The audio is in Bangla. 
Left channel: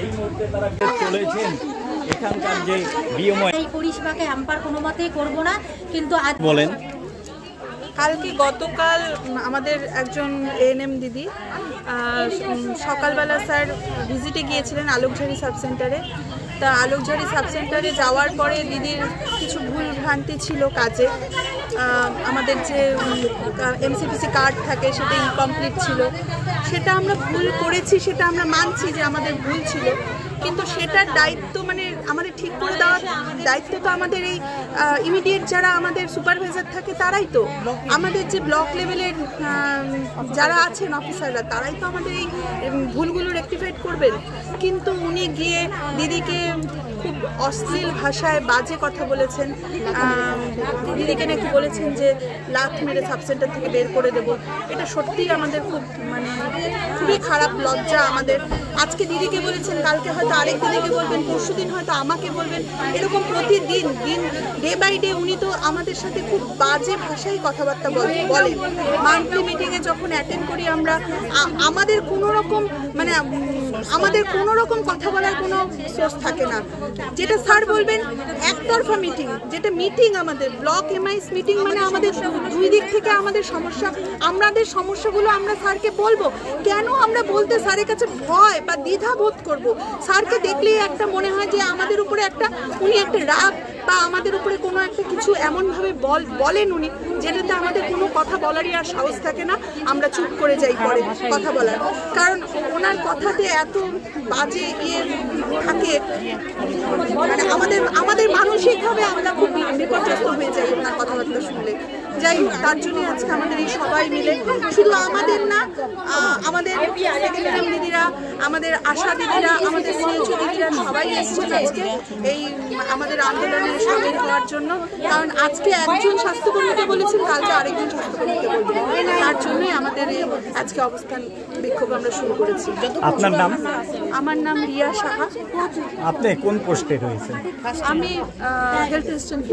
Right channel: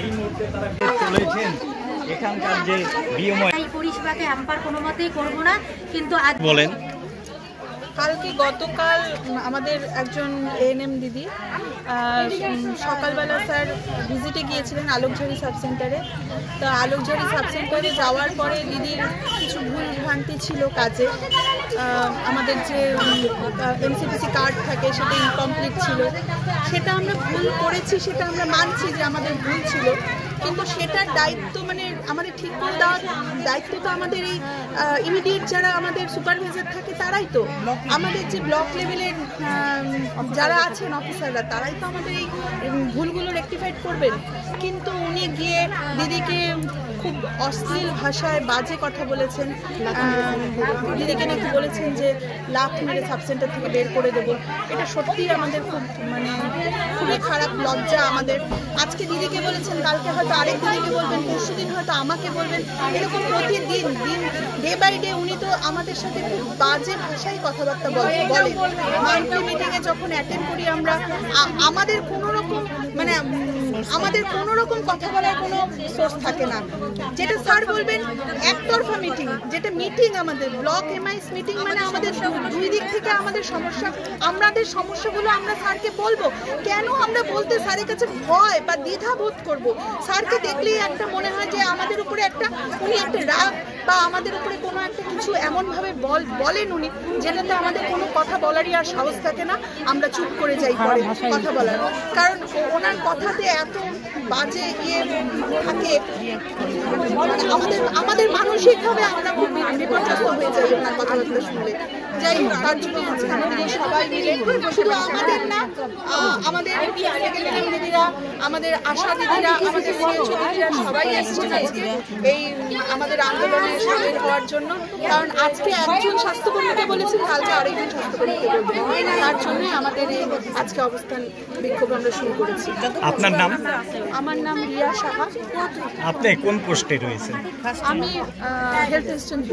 এই মুহূর্তে তারা চলেছেন এখানকার যে পরিষেবাকে হ্যাম্পার কোনো মতেই করবো না। কিন্তু আজ বলেন, কালকে গতকাল আমাদের একজন এএনএম দিদি সকালবেলা স্যার ভিজিটে গিয়েছিলেন আলোকঝাড়ি সাবসেন্টারে। তা আলোকঝাড়ি সাবসেন্টারে যাওয়ার পরে দিদির কিছু ভুল ভ্রান্তি ছিল কাজে। আমাদের যে এমসিপিসি কার্ড থাকে সেটা ইনকমপ্লিট ছিল, সেটা আমরা ভুল করেছি, সেটা আমরা মানছি যে আমাদের ভুল ছিল, কিন্তু সেটার দায়িত্ব মানে আমাদের ঠিক করে দেওয়ার দায়িত্ব তো আমাদের এই ইমিডিয়েট যারা আমাদের সুপারভাইজার থাকে তারাই তো, আমাদের যে ব্লক লেভেলের যারা আছেন অফিসাররা তারাই তো আমাদের এই ভুলগুলো রেকটিফাইড করবেন। কিন্তু উনি গিয়ে দিদিকে খুব অশ্লীল ভাষায় বাজে কথা বলেছেন। দিদিকে নাকি বলেছেন যে লাথ মেরে সাবসেন্টার থেকে বের করে দেবো। এটা সত্যিই আমাদের খুব মানে খুবই খারাপ লজ্জা আমাদের। আজকে দিদিকে বলেছেন, কালকে হয়তো আরেক দিদিকে বলবেন, পরশুদিন হয়তো আমাকে বলবেন, এরকম প্রতিদিন ডে বাই ডে উনি তো আমাদের সাথে খুব বাজে ভাষায় কথাবার্তা বলেন। মান্থলি মিটিংয়ে যখন অ্যাটেন্ড করি আমরা, আমাদের কোনো রকম মানে আমাদের কোনো রকম কথা বলার কোনো সোর্স থাকে না। যেটা স্যার বলবেন একতরফা মিটিং, যেটা মিটিং আমাদের ব্লক এমআইস মিটিং, মানে আমাদের দুই দিক থেকে আমাদের সমস্যা, আমাদের সমস্যাগুলো আমরা স্যারকে বলবো। কেন আমরা বলতে স্যারের কাছে ভয় বা দ্বিধা বোধ করবো? স্যারকে দেখলেই একটা মনে হয় যে আমাদের উপরে একটা উনি একটা রাগ বা আমাদের উপরে কোনো একটা কিছু এমনভাবে বলেন উনি, যেটাতে আমাদের কোনো কথা বলারই আর সাহস থাকে না, আমরা চুপ করে যাই পরে কথা বলার। কারণ ওনার কথাতে এত বাজে ইয়ে থাকে, মানে আমাদের মানসিকভাবে আমরা খুব বিপর্যস্ত হয়ে যাই ওনার কথাবার্তা শুনলে। যাই হোক, তার জন্য আজকে আমাদের এই সবাই মিলে, শুধু আমাদের না, আমাদের সেক্রেটারি দিদিরা, আমাদের আশা দিদিরা, আমাদের সিএইচও দিদিরা সবাই এসেছেন আজকে এই আমাদের আন্দোলনে সামিল হওয়ার জন্য। কারণ আজকে একজন স্বাস্থ্যকর্মীকে বলেছেন, কালকে আরেকজন স্বাস্থ্যকর্মীকে বলবেন। তার জন্যই আমাদের এই আজকে অবস্থান বিক্ষোভ আমরা শুরু করেছি। আপনার নাম? আমার নাম রিয়া সাহা। আপনি কোন পোস্টে রয়েছেন? আমি হেলথ অ্যাসিস্ট্যান্ট।